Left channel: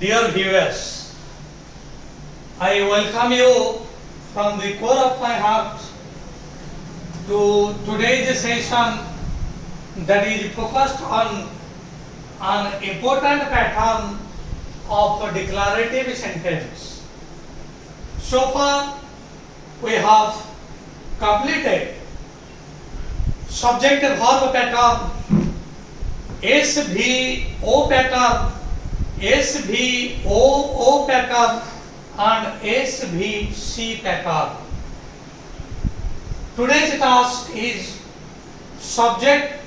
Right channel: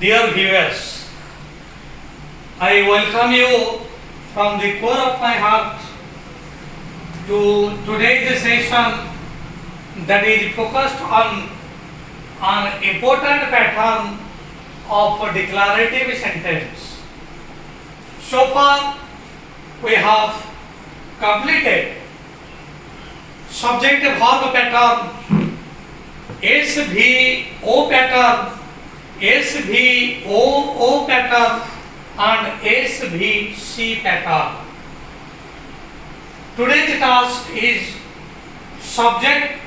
Dear viewers, I welcome you from the core of my heart to today's session that is focused on an important pattern of declarative sentence. So far, we have completed subject verb pattern, SVO pattern, SVOO pattern and SVC pattern. Today's task is subject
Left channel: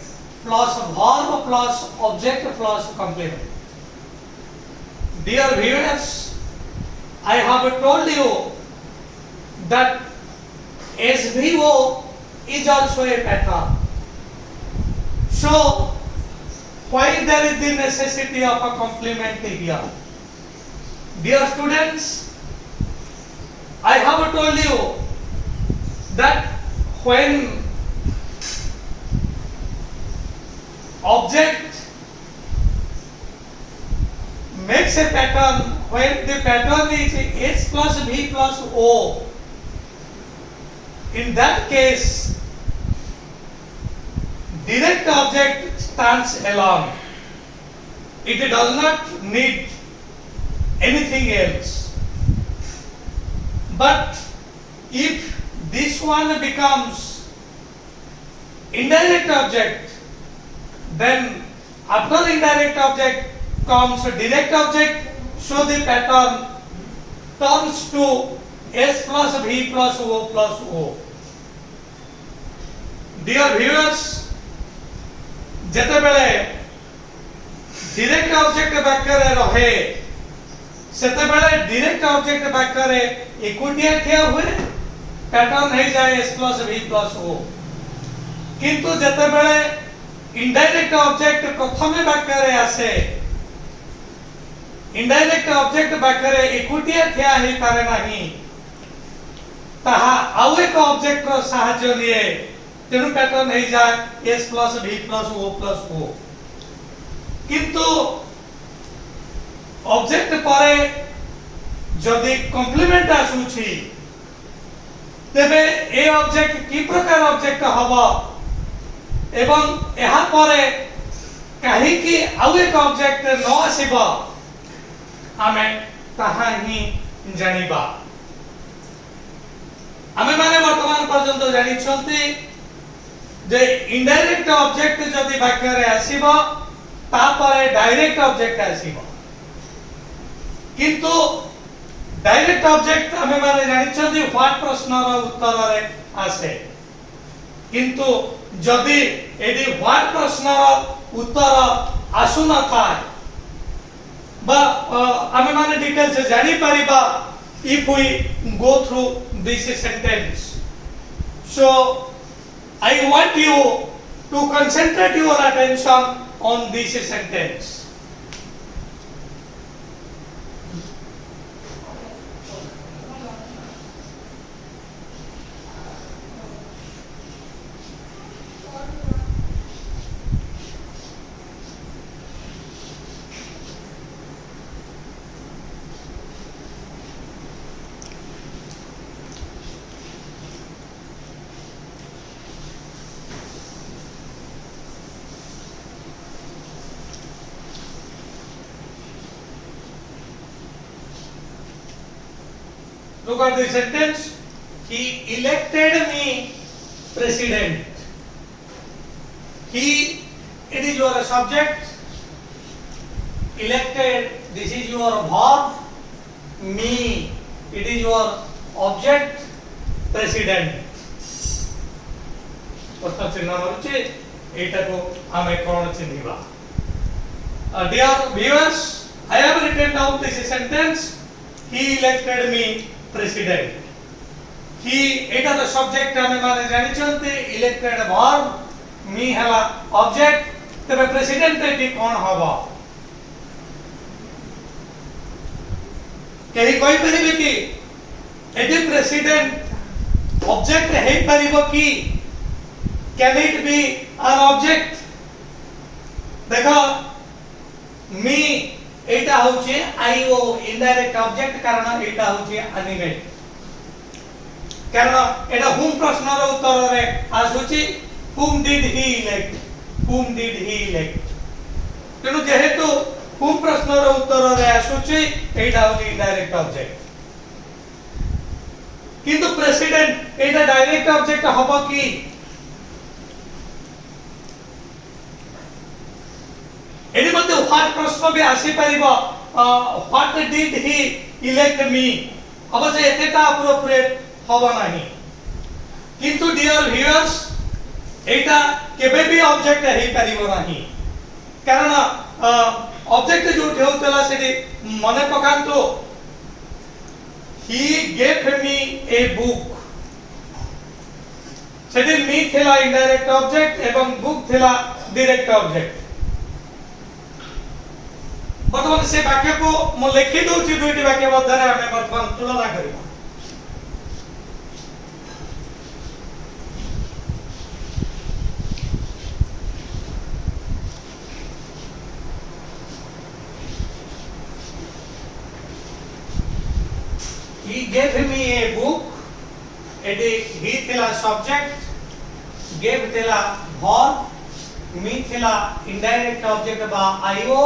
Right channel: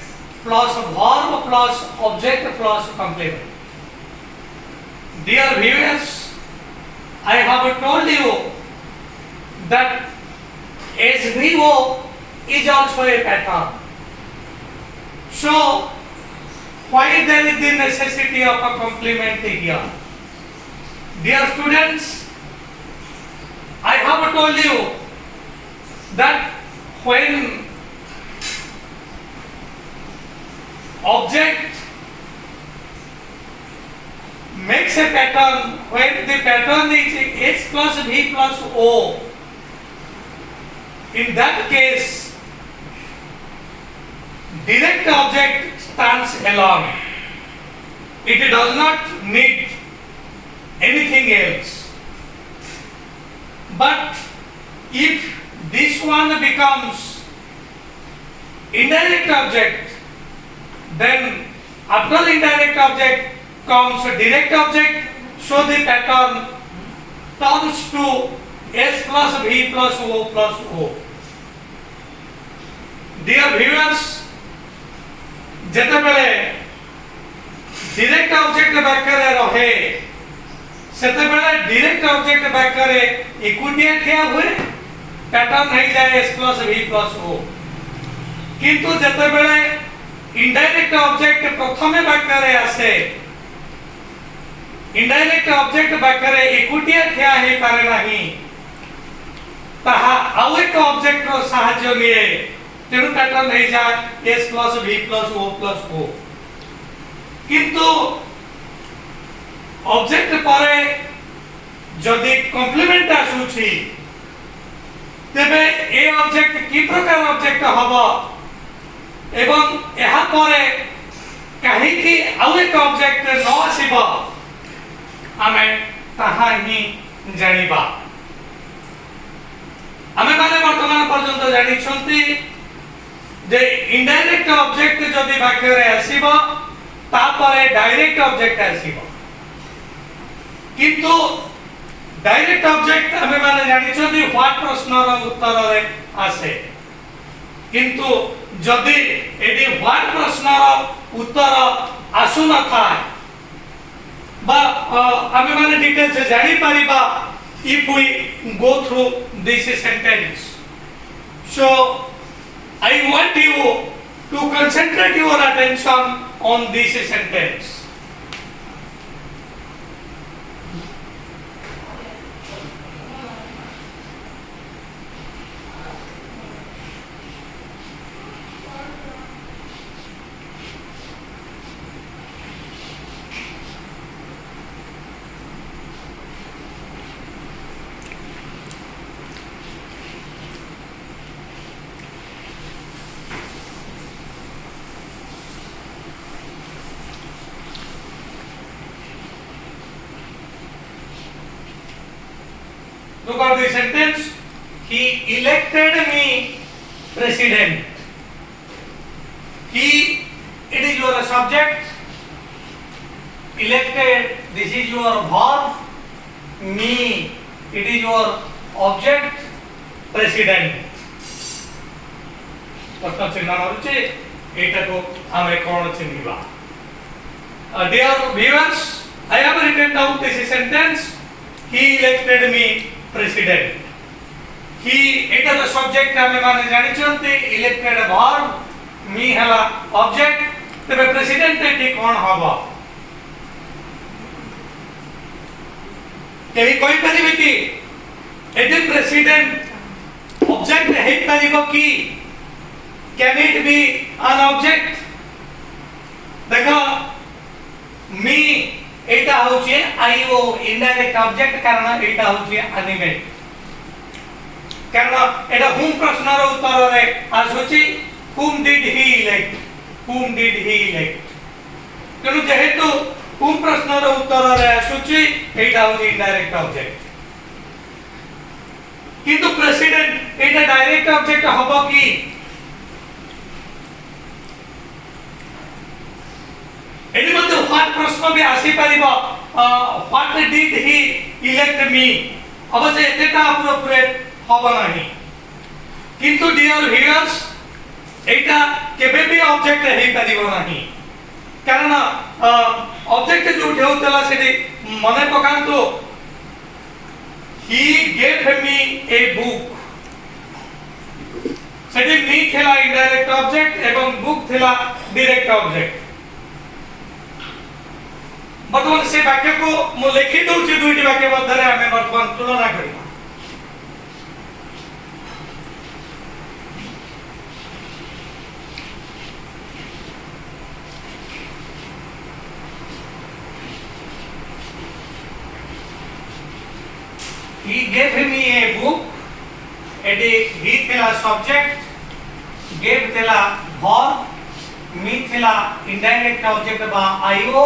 plus verb plus object plus complement. Dear viewers, I have told you that SVO is also a pattern. So, why there is the necessity of a complement here? Dear students, I have told you that when object makes a pattern, when the pattern is S plus V plus O, in that case, direct object stands alone. It does not need anything else. But if this one becomes indirect object, then after indirect object comes direct object, so the pattern turns to S plus V plus O plus O. Dear viewers, ଯେତେବେଳେ direct object ପାଖରେ ରହେ ସେତେବେଳେ direct object ପାଖରେ ଏକୁଟିଆ ଠିଆ ହୁଏ, pattern ହେଇଯାଏ S plus V plus O। କିନ୍ତୁ ଯେତେବେଳେ ଇନଡାଇରେକ୍ଟ ଅବଜେକ୍ଟ ପ୍ରଥମେ ପାଖରେ ଆସେ, ଇନଡାଇରେକ୍ଟ ଅବଜେକ୍ଟ ପାଖରେ ଏକୁଟିଆ ଠିଆ ହେଇପାରେ ନାହିଁ, ତାହା ଆଉ ଏକ ଅବଜେକ୍ଟର ସାହାଯ୍ୟ ନିଏ, ତେଣୁ ପ୍ୟାଟର୍ନ ହେଇଯାଏ S plus V plus O plus O। କିନ୍ତୁ ଅବଜେକ୍ଟ ପରେ ଯଦି କମ୍ପ୍ଲିମେଣ୍ଟ ଆସୁଛି, ତେବେ ଏ ଅବଜେକ୍ଟ କି ପ୍ରକାର ଅବଜେକ୍ଟ ହବ ଏବଂ ଏହା ପରେ କାହିଁକି ଆଉ ଏକ ଅବଜେକ୍ଟ ନ ଆସିବ, ଆମେ ତାହା ହିଁ ଜାଣିବା। ଆମେମାନେ ବର୍ତ୍ତମାନ ପର୍ଯ୍ୟନ୍ତ ଜାଣିଛନ୍ତି जे इनडायरेक्ट ऑब्जेक्ट जदि पाखरे आसीबो तापरे डायरेक्ट ऑब्जेक्ट आसीबो, किंतु डायरेक्ट ऑब्जेक्ट हमें माने जानि छथि व्हाट प्रश्नर उत्तर रे आसे, किंतु जदि एदि व्हाट प्रश्नर उत्तर आसु न थाए बा हमें माने डिटेल्स जानि परिबा if we go through this sentence. So I want you to concentrate your attention on this sentence. Look at the sentence. He elected me president. He, it is your subject. Elected, this is your verb. Me, it is your object. President. प्रश्न चिन्ह मारुचे एटा को आमे कोन चिन्हिबा। Dear viewers, I have written down this sentence. He elected me president. He, एटा तो subject हमें माने जानि छथि, elected verb, मी हला ऑब्जेक्ट, तबे प्रेसिडेंट एटी कोन हबो? केही कोइ परिबे कि एटी प्रेसिडेंट ऑब्जेक्ट हे परिबो कि? Can it be an object? देखो, me एटा होचे आईओ इनडायरेक्ट ऑब्जेक्ट कारण एटा होचे एनिमेट कारण एटा हुम प्रश्नर उत्तर रे आसुची whom did he elect तेणु जेहेतु whom प्रश्नर उत्तर रे आसुची एटा होचे इनडायरेक्ट ऑब्जेक्ट किंतु प्रेसिडेंट एटा डायरेक्ट ऑब्जेक्ट हबो कि एदि मते व्हाट प्रश्न भी आसी परिबो व्हाट डिड ही इलेक्ट मी अवश्य एतेटा अप्रोप्रिएट हबो नाही किंतु डियर व्यूअर्स एटा केबे भी ऑब्जेक्ट हे परिबो नाही कारण ऑब्जेक्ट जो ठेउतला सेडी मने पकांतो he gave me a book सेडी मी थेला इनडायरेक्ट ऑब्जेक्ट एवं बुक थेला डायरेक्ट ऑब्जेक्ट वर्तमान से वाक्य को मु लिखि दोछि दुईटी वाक्य मध्य रे हमें वर्तमान तुलना करिबा he gave me a book एटी he थेला सब्जेक्ट gave थेला verb me थेला इनडायरेक्ट ऑब्जेक्ट बा io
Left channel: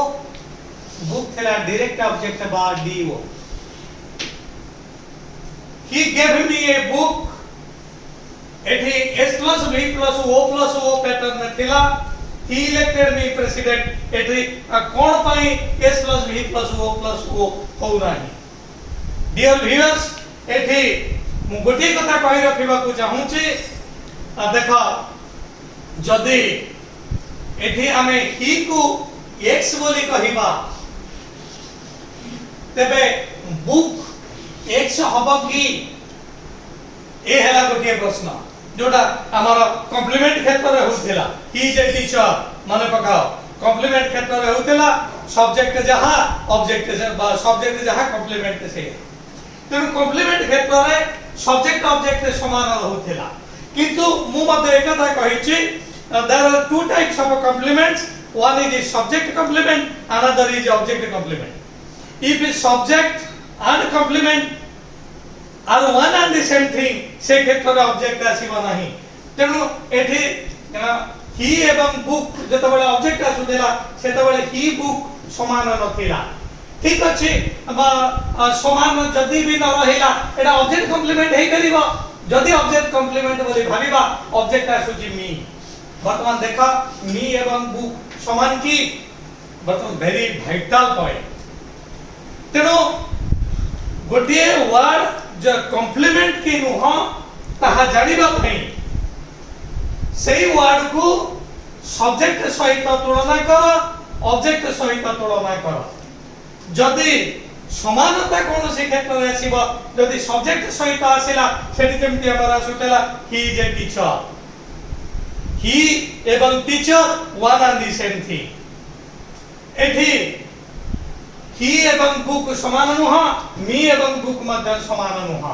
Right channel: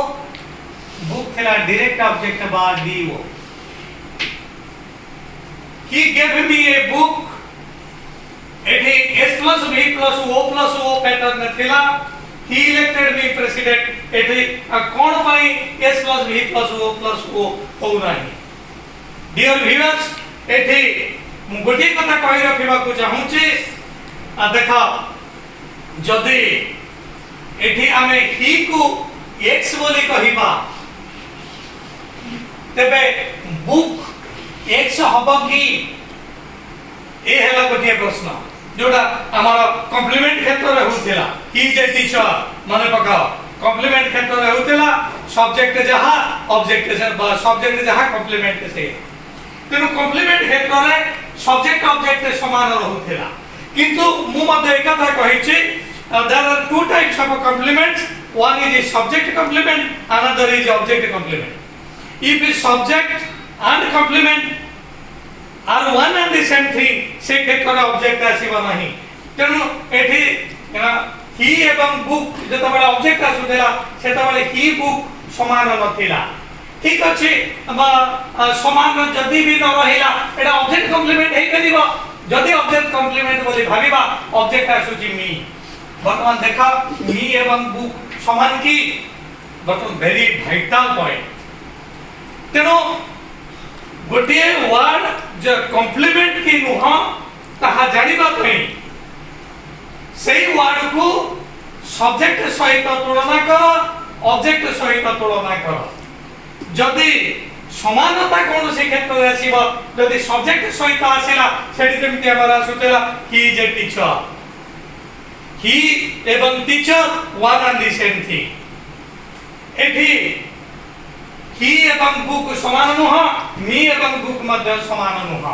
book थेला डायरेक्ट ऑब्जेक्ट बा do he gave me a book एटी s plus v plus o pattern थेला he elected me president एटी कोन पई s plus v plus o हो नाही डियर व्यूअर्स एठी मु गोटे कथा कहि रखिबा को चाहू छी देखा जदी एठी हमें ही को x बोली कहिबा तबे बुक x हबो की ए हैला गोटे प्रश्न जोटा हमारा कॉम्प्लीमेंट क्षेत्र रे होतिला ही जे टीचर माने पकाओ कॉम्प्लीमेंट क्षेत्र रे होतिला सब्जेक्ट जहा ऑब्जेक्ट से सब्जेक्ट जहा कॉम्प्लीमेंट से तेनु कॉम्प्लीमेंट क्षेत्र रे सब्जेक्ट ऑब्जेक्ट समान रहउथिला किंतु मु मध्ये एक कथा कहिछि there are two types of complements one is subject complement another is object complement if is subject and complement are one and the same thing से क्षेत्र रे ऑब्जेक्ट आसीबा नाही तेनु एठी ही एवं बुक जत बडा ऑब्जेक्ट आसुथिला सेत बडे ही बुक समान नथिला ठीक अछि समान जदी भी न रहिला एटा ऑब्जेक्ट कॉम्प्लीमेंट हे करिवो जदी ऑब्जेक्ट कॉम्प्लीमेंट बोली भाबिबा ऑब्जेक्ट आसुची मी वर्तमान देखा मी एवं बुक समान की वर्तमान वेरी वाइटल पॉइंट तेनो गोटे वर्ड जो कॉम्प्लीमेंट की नुह ताहा जानिबा पई सेही वर्ड को सब्जेक्ट सहित तुलना कर ऑब्जेक्ट सहित तुलना कर जदि समानता कौन से क्षेत्र रे आसीबो जदि सब्जेक्ट सहित आसीला सेठी जेमति हमरा सुतेला ही इज ए टीचर ही एवं teacher one and the same thing एठी ही एवं बुक समान नुह मी एवं बुक मध्य समान नुह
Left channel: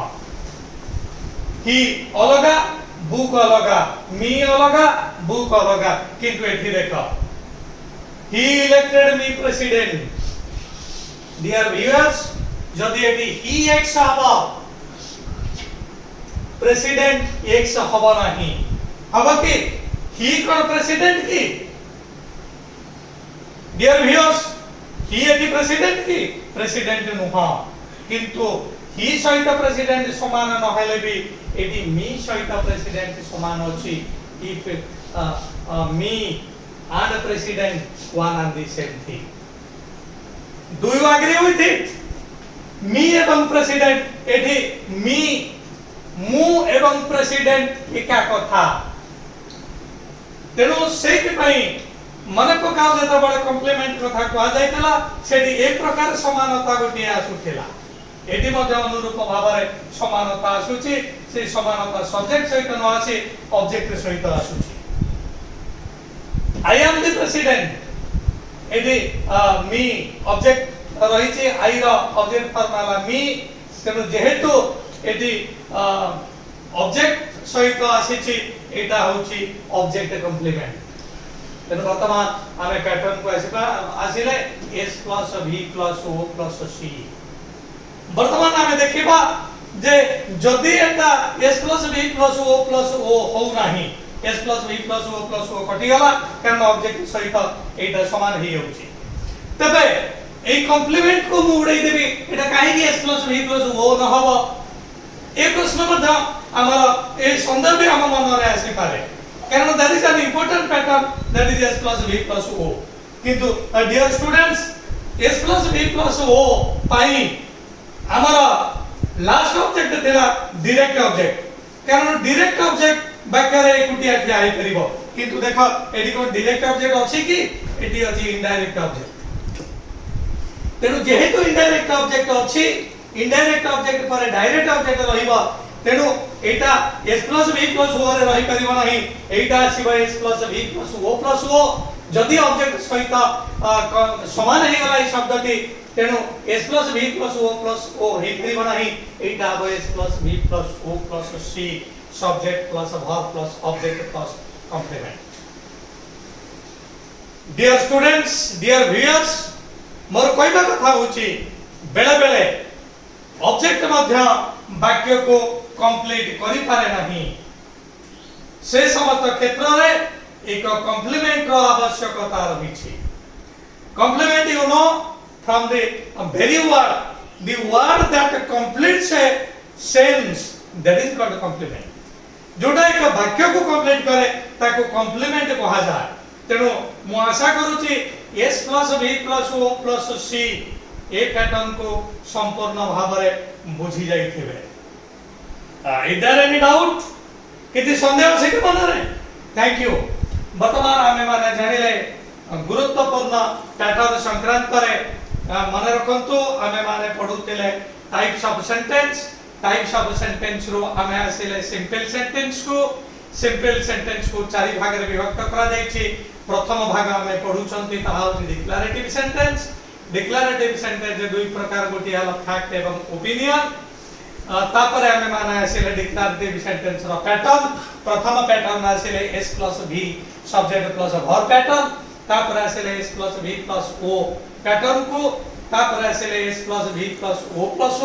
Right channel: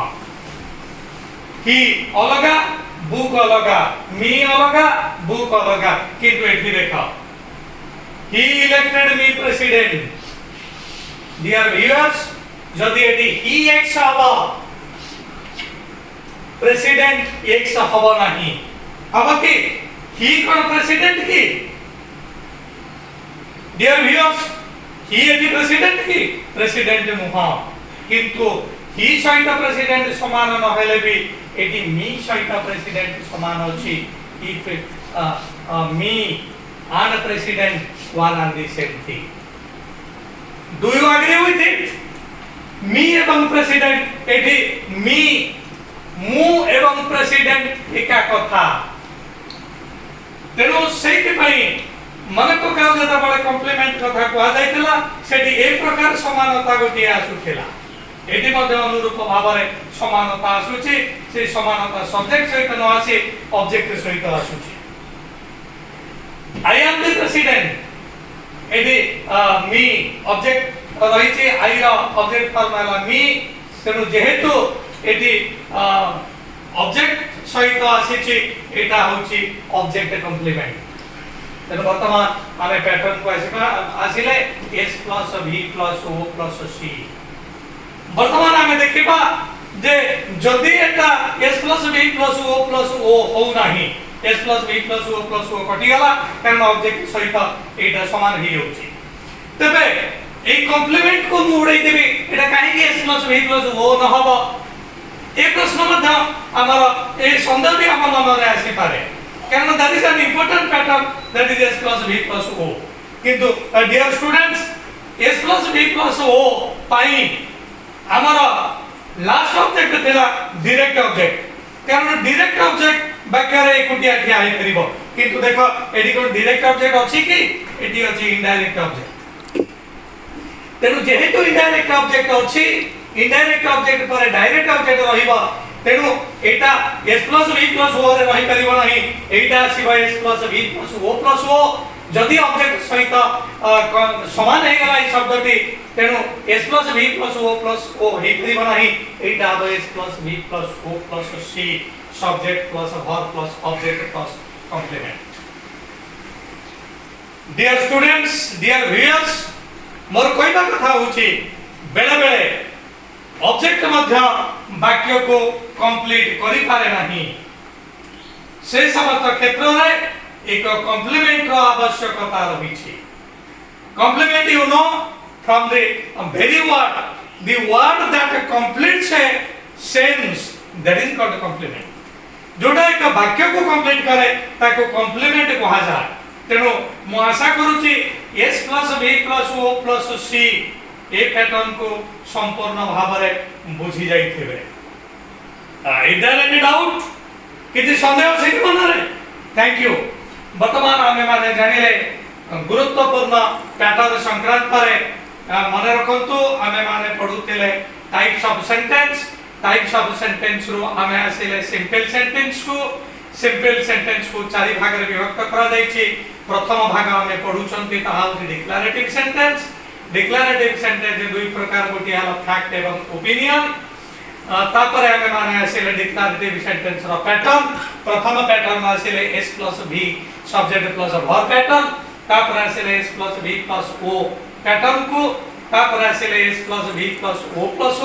ही अलगा बुक अलगा मी अलगा बुक अलगा किंतु एठी देखो ही इलेक्टेड मी प्रेसिडेंट डियर व्यूअर्स जदि एटी ही x हबो प्रेसिडेंट x हबो नाही हबो कि ही कोन प्रेसिडेंट की डियर व्यूअर्स ही एटी प्रेसिडेंट की प्रेसिडेंट नुह किंतु ही सहित प्रेसिडेंट समान न हेले भी एटी मी सहित प्रेसिडेंट समान अछि if me and president one and the same thing do you agree with it me एवं president एठी me मु एवं president एका कथा तेनो सेति पई मन प्रकार जता बळे कॉम्प्लीमेंट कथा कहा जायतला सेठी एक प्रकार समानता गोटी आसुथिला एटी मध्ये अनुरूप भाबरे समानता आसुची से समानता सब्जेक्ट सहित न आसी ऑब्जेक्ट सहित आसुची I am the president eighty me object रही छि आई रो ऑब्जेक्ट फॉर्मला मी तेनु जेहेतु एटी ऑब्जेक्ट सहित आसी छि एटा होछि ऑब्जेक्ट कॉम्प्लीमेंट तेणु वर्तमान आमे पैटर्न को आसिले s plus v plus o plus c वर्तमान आमे देखिबा जे जदि एटा s plus v plus o हो नाही s plus v plus o कटि गला कारण ऑब्जेक्ट सहित एटा समान ही होची तबे ए कॉम्प्लीमेंट को मु उड़ै देबी एटा काहे कि s plus v plus o न हबो ए प्रश्न मध्य हमर ए संदेह भी हम मन रे आसी पारे कारण that is an important pattern that is s plus v plus o किंतु dear students s plus v plus o पाई हमर लास्ट ऑब्जेक्ट देला डायरेक्ट ऑब्जेक्ट कारण डायरेक्ट ऑब्जेक्ट बाकरे एकुटिया ठिया आइ परिबो किंतु देखो एडी कोन डायरेक्ट ऑब्जेक्ट अछि कि एडी अछि इनडायरेक्ट ऑब्जेक्ट तेनु जेहेतु इनडायरेक्ट ऑब्जेक्ट अछि इनडायरेक्ट ऑब्जेक्ट पर डायरेक्ट ऑब्जेक्ट रहिबो तेनु एटा s v o रे रहि परिबो नाही एटा आसीबो s v o जदि ऑब्जेक्ट सहित समान हे गला ई शब्दटी तेनु s v o हे परिबो नाही एटा आबो s v o c subject plus verb plus object plus complement dear students dear viewers मोर कहबा कथा होची बेले बेले ऑब्जेक्ट मध्य वाक्य को कंप्लीट करि पारे नाही से समस्त क्षेत्र रे एक कॉम्प्लीमेंट रो आवश्यकता रहिछि complement you know from the very word that completes a sense that is called complement जोटा एक वाक्य को कंप्लीट करे ताको कॉम्प्लीमेंट कहा जाय तेनो मु आशा करूची s v o c ए पैटर्न को संपूर्ण भाव रे बुझी जाइथिबे इज देयर एनी डाउट किछि संदेह छै कि मन रे थैंक यू वर्तमान आमे माने जानिले गुरुत्वपूर्ण पैटर्न संक्रांत रे माने रखंतु आमे माने पढुतिले टाइप्स ऑफ सेंटेंस रो आमे आसिले सिंपल सेंटेंस को चारि भाग रे विभक्त करा जायछि प्रथम भाग आमे पढुचंती ताहा होछि डिक्लेरेटिव सेंटेंस दुई प्रकार गोटी हला फैक्ट एवं ओपिनियन तापर आमे माने आसिले डिक्लेरेटिव सेंटेंस रो पैटर्न प्रथम पैटर्न आसिले s v subject plus verb pattern तापर आसिले s v o पैटर्न को तापर आसिले s v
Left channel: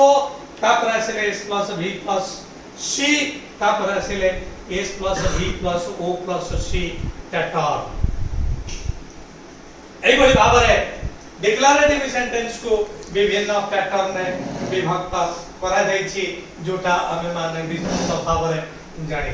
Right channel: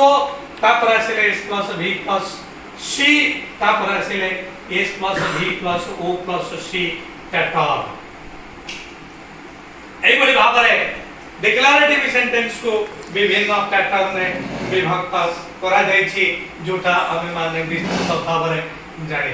o तापर आसिले s v c तापर आसिले s v o c pattern एई बड़ी भाव रे डिक्लेरेटिव सेंटेंस को विभिन्न पैटर्न में विभक्त करा जायछि जोटा हमें माने विस्तृत भाव रे जानि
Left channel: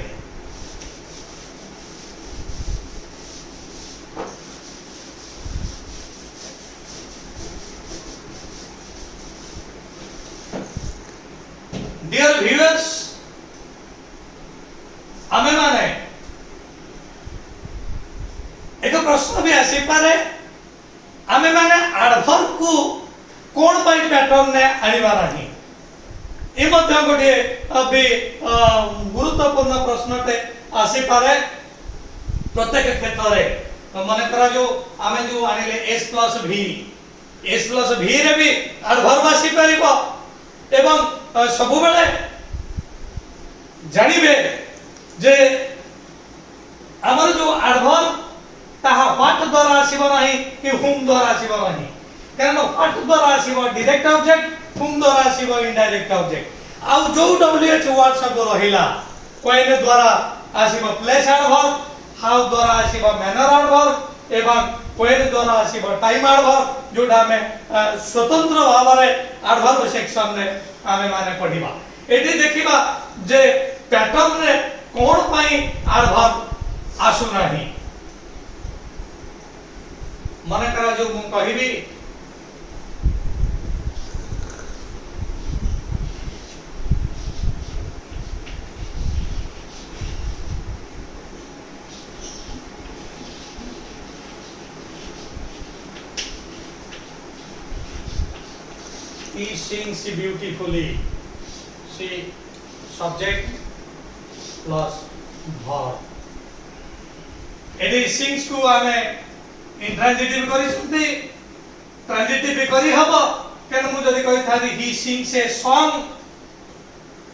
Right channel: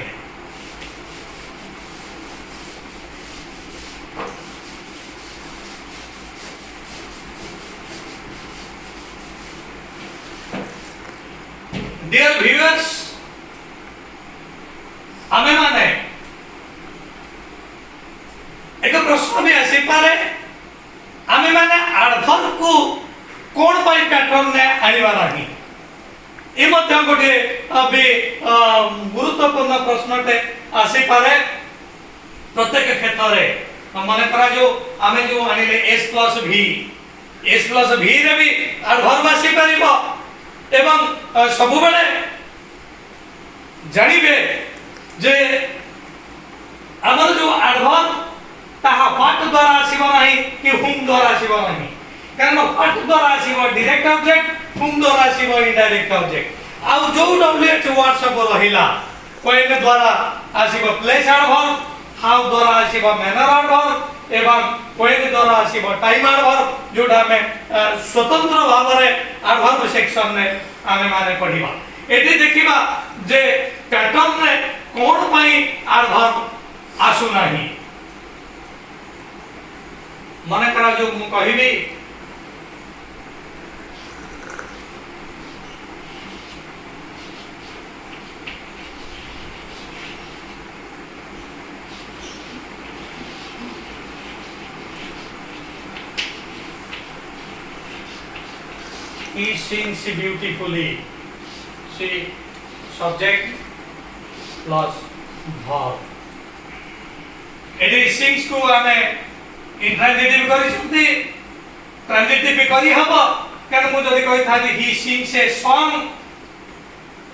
डियर व्यूअर्स हमें माने एक प्रश्न भी आसी पारे हमें माने एडवर्ब को कोन पाई पैटर्न ने आनिबा नाही ए मध्य गोटे अबे गुरुत्वपूर्ण प्रश्नटे आसी पारे प्रत्येक क्षेत्र रे माने करा जो हमें जो आनिले s v रे भी एडवर्ब आसी परिबो एवं सबु बेले जानिबे जे हमर जो एडवर्ब ताहा व्हाट द्वारा आसीबो नाही कि हुम द्वारा आसीबो नाही कारण व्हाट द्वारा आसीबो डायरेक्ट ऑब्जेक्ट हुम द्वारा आसीबो इनडायरेक्ट ऑब्जेक्ट आ जो wh वर्ड सब रहिला कोइने द्वारा आसीबो प्लेस एडवर्ब हाउ द्वारा आसीबो मैनर एडवर्ब एवं कोइने द्वारा आसीबो टाइम एडवर्ब जोटा में स्वतंत्र भाव रे एडवर्ब सेक्शन में आमे माने पढिबा एठी देखिबा जे पैटर्न ने कोन पई एडवर्ब आसु नाही मने करा जो मु कहिबी he sings beautifully she subject plus verb एडी sings को हमें इंट्रांजिटिव करी सुनती ट्रांजिटिव करी हबो कारण मु जदी कहि थाली ही सिंग्स ए सॉन्ग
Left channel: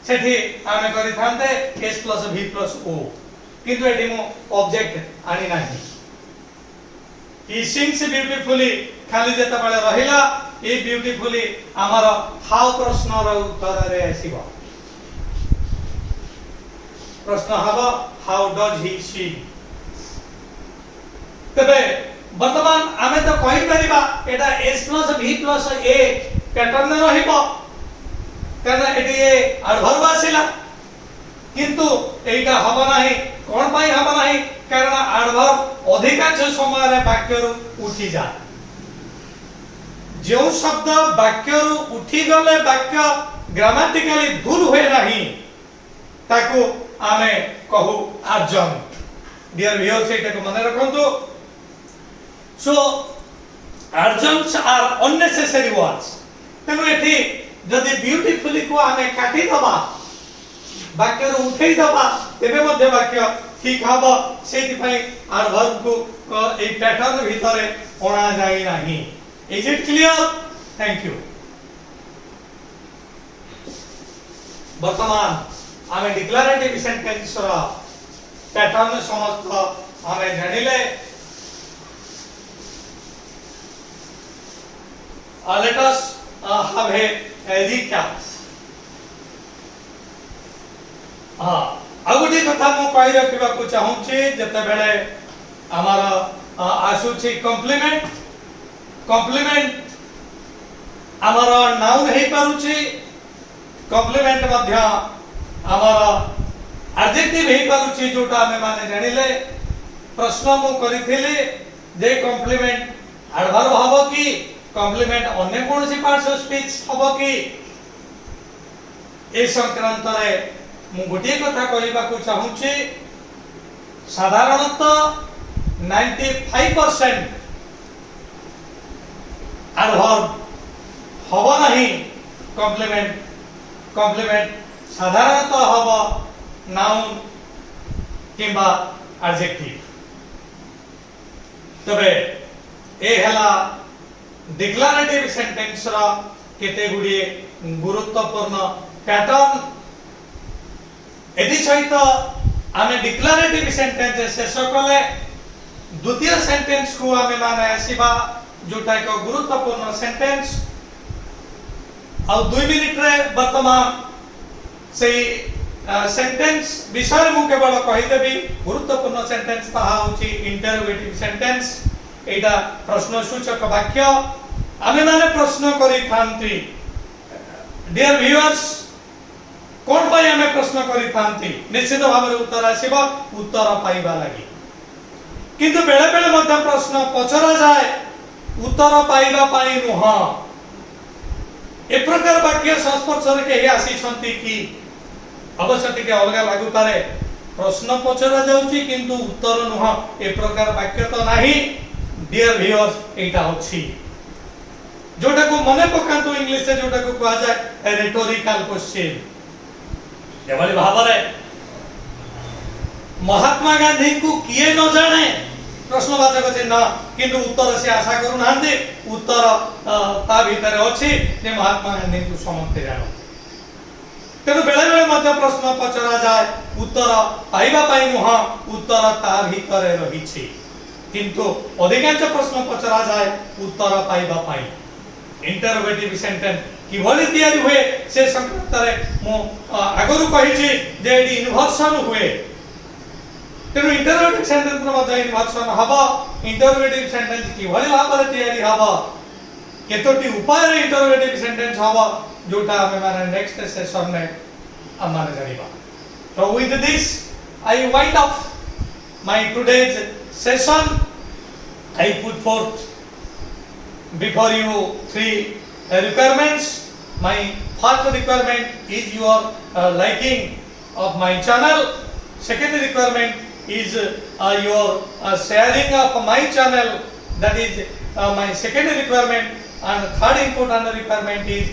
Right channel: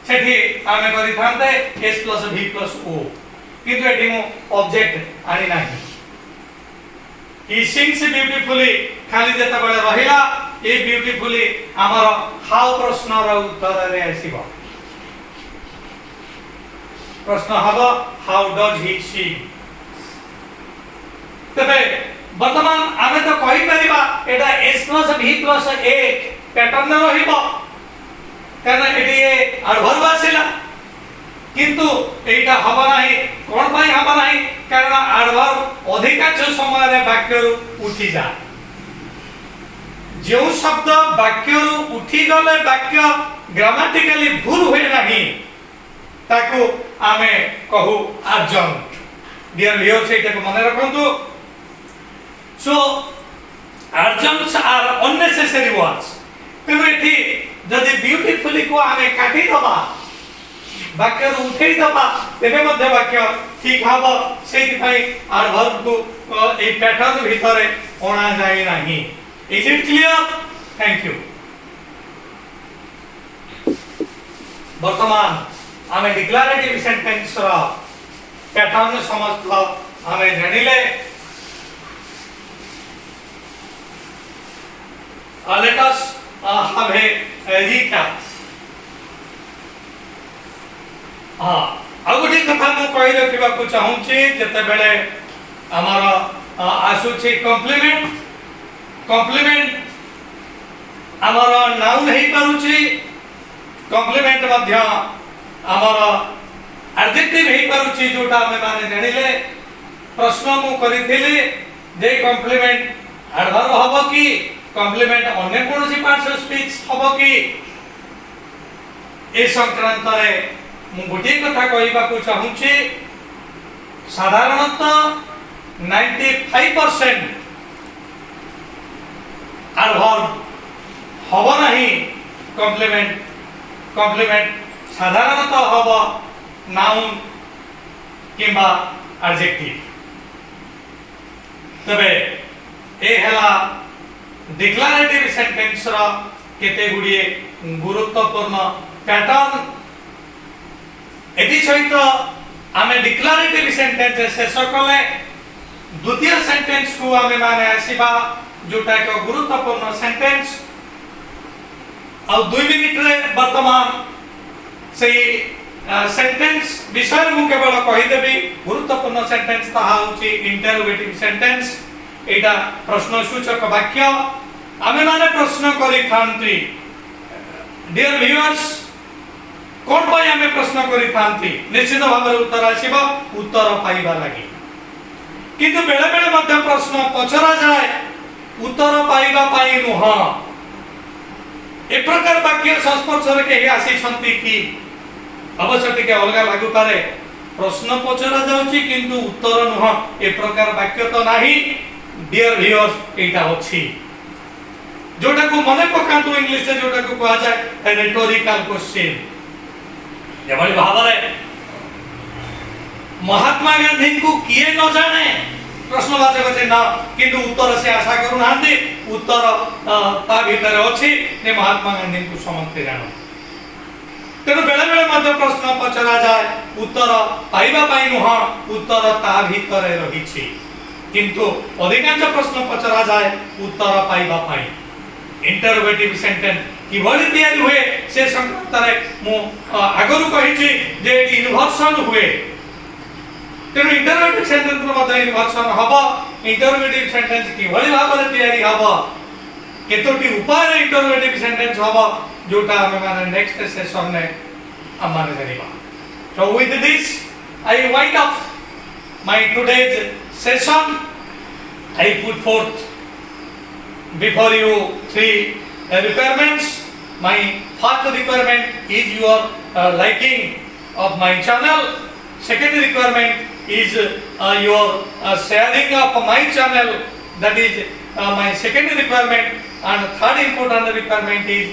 सेठी आमे करि थांते s v o किंतु एटी मु ऑब्जेक्ट आनी नाही he sings beautifully खाली जेता बेले रहिला ए ब्यूटीफुली हमर हाउ प्रश्न रो उत्तर रे आसीबो प्रश्न हबो हाउ डज ही sing तबे वर्तमान आमे तो कहि परिबा एटा s + v + a पैटर्न रहिबो कारण एटी अर्भर आसीला किंतु एटा हबो नाही कोन पई हबो नाही कारण अर्भर अधिकांश समय रे वाक्य रु उठी जा जो शब्द वाक्य रु उठी गले वाक्य ग्रामेटिकली भूल होय नाही ताकू आमे कहू adjunct डियर व्यूअर्स एटा को मन रखंतु सो adjuncts are unnecessary words तेनु एठी जदि ब्यूटीफुली को आमे काटी दबा वाक्य रु उठेई दबा तेबे मध्ये वाक्य ठीक हबो सेति पई adverb को ए पैटर्न भितरे ओणा जाय नाही is it clear thank you वर्तमान आमे डिक्लेरेटिव सेंटेंस रा पैटर्न समस्त आमे जानिले let us have a recap आगोटी कथा मु कहि रखिबा को चाहू छी जते बेले हमारा आसु छी कॉम्प्लीमेंट हमारा नाउन हे पारु छी कॉम्प्लीमेंट मध्य हमारा एडजेक्टिव हे पारु छी जोटा हमें माने जानिले प्रश्न मु करिथिली जे कॉम्प्लीमेंट एडवर्ब हबो की कॉम्प्लीमेंट अन्य कोनसी पार्ट्स ऑफ स्पीच हबो की ए संक्रांत रे मु गोटे कथा कहबा को चाहू छी साधारणतः 95% एडवर्ब हबो नहीं कॉम्प्लीमेंट साधारणतः हबो नाउन किबा एडजेक्टिव तबे ए हला डिक्लेरेटिव सेंटेंस रा केते गुडिए गुरुत्वपूर्ण पैटर्न एदि सहित आमे डिक्लेरेटिव सेंटेंस शेष कले द्वितीय सेंटेंस को आमे माने आसीबा जोटा एक गुरुत्वपूर्ण सेंटेंस आ 2 मिनिट रे वर्तमान से सेंटेंस विषय मु केवल कहि देबी गुरुत्वपूर्ण सेंटेंस ताहा होची इंटरोगेटिव सेंटेंस एटा प्रश्नसूचक वाक्य आमे माने प्रश्न करि खांती डियर व्यूअर्स कोन पय हमें प्रश्न करि थांती निश्चित भाव रे उत्तर आसीबा उत्तर पाइबा लागि किंतु बेले बेले मध्य प्रश्न पचरा जाय उत्तर पाइबा पाई नुह ए प्रकार वाक्य संस्पर्श रे के आसी छंती की अवश्य के अलगा लागु पारे प्रश्न पचरा जाउची किंतु उत्तर नुह ए प्रकार वाक्य तो नाही डियर व्यूअर्स एटा अछि जोटा को मने पकांतु इंग्लिश से जोटा को कहा जाय रिटोरिकल क्वेश्चन एवली भाबरे महात्मा गांधी को किए न जाने प्रश्नवाचक चिन्ह किंतु उत्तर से आशा करू नांदी उत्तर ता भीतर अछि ने महात्मा गांधी को समझते जानो तेनु बेले बेले मध्य प्रश्न पचरा जाय उत्तर पाइबा पाई नुह उत्तर ता भीतर रहिछि किंतु अधिकांश प्रश्न पचरा जाय उत्तर पाइबा पाई इंटरोगेटिव सेंटेंस किभली तयारी हुए से संकल्प रे मु आगरु कहिछि जे इन्वर्सन हुए तेनु इंटरोगेटिव सेंटेंस मध्ये इन्वर्सन हबो इंटरोगेटिव सेंटेंस किभली भाबरे तयारी हबो केतोटी उपाय रे इंटरोगेटिव सेंटेंस हबो जोटा हम माने नेक्स्ट सेशन में हम माने जानिबा so with this I wind up my today's session I put forth before you 3 requirements. My first requirement is your liking of my channel. Second requirement is your sharing of my channel. That is my second requirement. And third important requirement is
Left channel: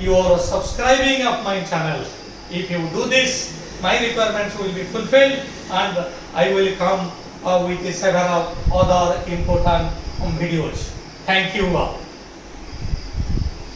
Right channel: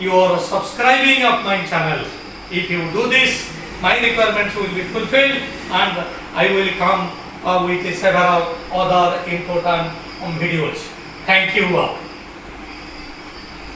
your subscribing of my channel. If you do this, my requirements will be fulfilled and I will come with several other important videos. Thank you all.